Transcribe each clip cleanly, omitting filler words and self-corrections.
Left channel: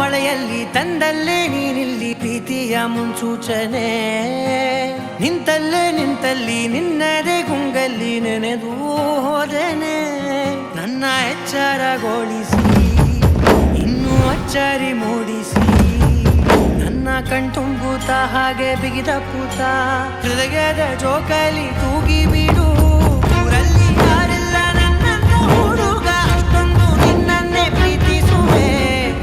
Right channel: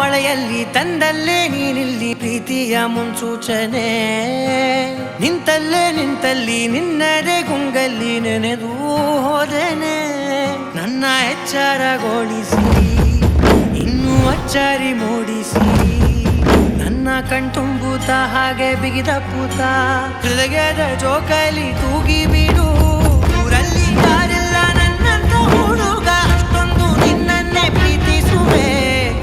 ಮಳೆಯಲ್ಲಿ ತಂದಲ್ಲೇ ನೀನಿಲ್ಲಿ ಪ್ರೀತಿಯ ಮುನ್ಸೂಚನೆ. ನಿಂತಲ್ಲಿ ನಿನ್ನದೇ ಗುಂಗಲ್ಲಿ ನೆನೆದು ಹೋದನೆ. ನನ್ನ ಎಚ್ಚರಗೊಳಿಸಿ ಇನ್ನೂ ಅಚ್ಚರಿ ಮೂಡಿಸಿ ನನ್ನ ಕಣ್ತುಂಬುತ್ತ ಹಾಗೆ ಬಿಗಿದಪ್ಪುತ್ತ ಹೃದಯದ ಜೋಕಾಲಿ ತೂಗಿ ಬಿಡು. ಊರಲ್ಲಿ ಯಾರಿಲ್ಲ ನನ್ನಂತ ಹುಡುಗ, ಅಷ್ಟೊಂದು ನಿನ್ನನ್ನೇ ಪ್ರೀತಿಸುವೆ.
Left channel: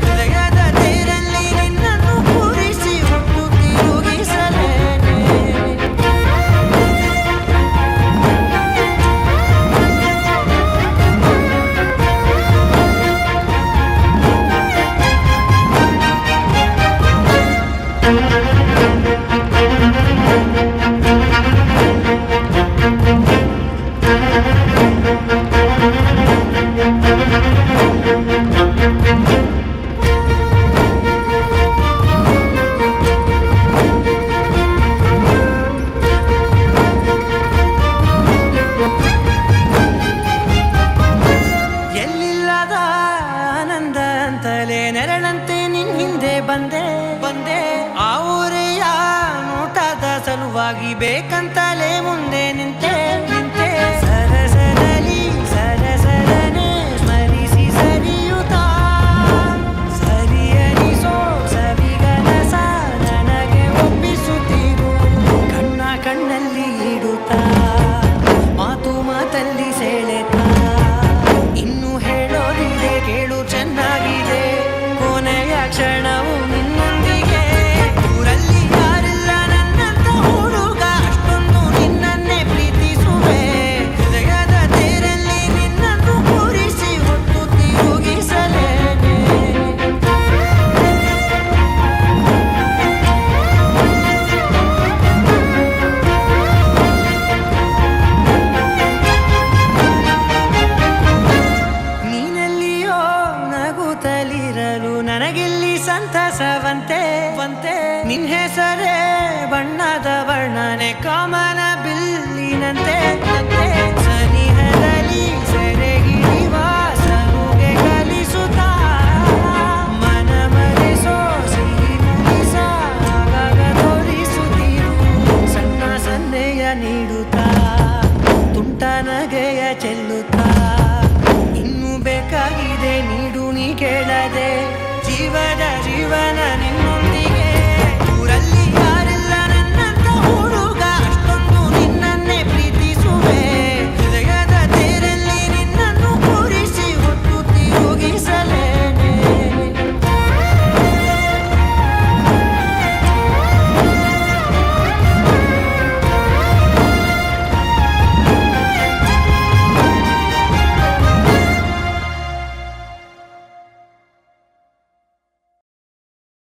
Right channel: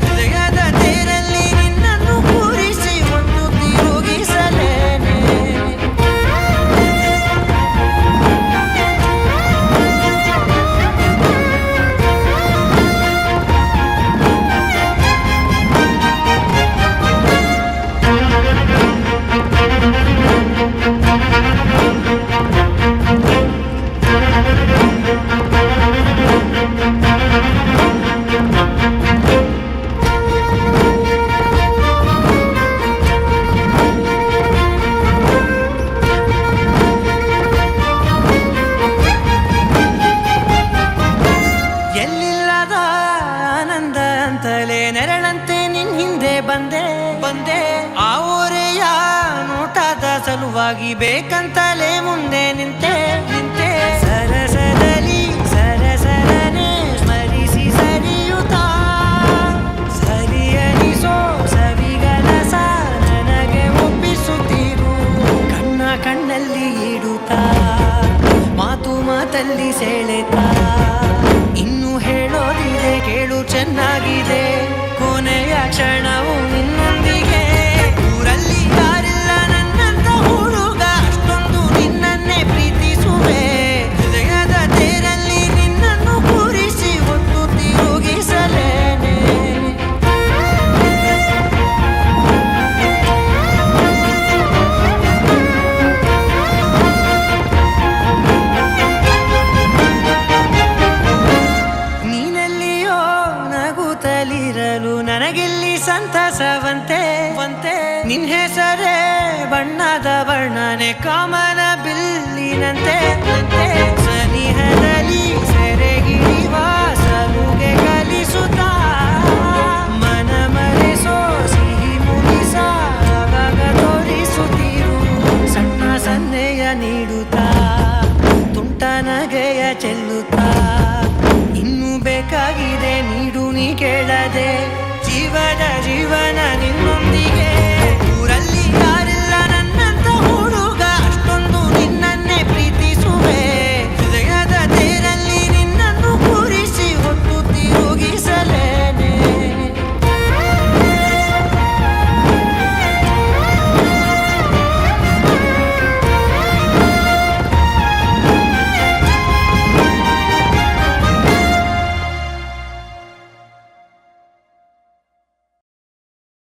ಹೃದಯದ ತೇರಲ್ಲಿ ನಿನ್ನನ್ನು ಕೂರಿಸಿ ಹೊತ್ತು ತಿರುಗಿಸಲೇನೆ. ಎಲ್ಲಿಲ್ಲದ ಆನಂದ ಅಂತಲೇ ನೆರಳಂತೆ ನಿನ್ ಹಿಂದೆ ಬಂದೆ. ಆ ಊರೆಯ ನೋಟದ ಸಲುವಾಗಿ ಬೇಕಂತಲೇ ಮುಂದೆ ನಿಂತೆ. ಸರಸದಲ್ಲಿ ಸರಸರನೆ ಸ್ಮರಿಸಿ ಸರಿಯುತ್ತಾ ಸರಿಯನಿಸೋ ಸವಿಗನಸ ನನಗೆ ಒಪ್ಪಿಸುತ್ತೀರು. ಕಣ್ಣಲ್ಲಿ ಇಡುತ್ತಾ ಮಾತಲ್ಲಿ ಸೆಳೆತಾ ಇನ್ನು ಹೇಳೋದಿದೆ ಕೇಳು ಚೆನ್ನಾಗಿದೆ. ಕೊನೆಯ ಕ್ಷಣವು ನಿನ್ನೊಂದಿಗೆ. ಊರಲ್ಲಿ ಯಾರಿಲ್ಲ ನನ್ನಂತ ಹುಡುಗ, ಅಷ್ಟೊಂದು ನಿನ್ನನ್ನೇ ಪ್ರೀತಿಸುವೆ. ಹೃದಯದ ತೇರಲ್ಲಿ ನಿನ್ನನ್ನು ಕೂರಿಸಿ ಹೊತ್ತು ತಿರುಗಿಸಲೇನೆ. ನಗುತ್ತಲಿರಲು ನನಗಿಲ್ಲಿ ಸಂತಸವಂತೆ. ನಿನ್ ಹೆಸರೇ ಬಣ್ಣದ ವರ್ಣನೆ ಕಾಮನ ಬಿಲ್ಲಿನಂತೆ. ಸನಿಹದಲ್ಲಿ ಸೆರೆ ಹಿಡಿವ ಸಲುಗೆ ಕಲಿಸುತ್ತಾ ಮನ ಮರೆಸೋ ಸಿಹಿ ಮುನಿಸ ಆಗಾಗ ತೋರಿಸುತ್ತಿರು. ಸಣ್ಣ ಸನ್ನೆಯ ನೀಡುತ್ತಾ ತುಂಟ ನಗೆಯ ಚೆಲ್ಲುತ್ತಾ ಇನ್ನು ಬೇಕಾಗಿದೆ ನೀಡು ನೀ ಕೇಳದೆ.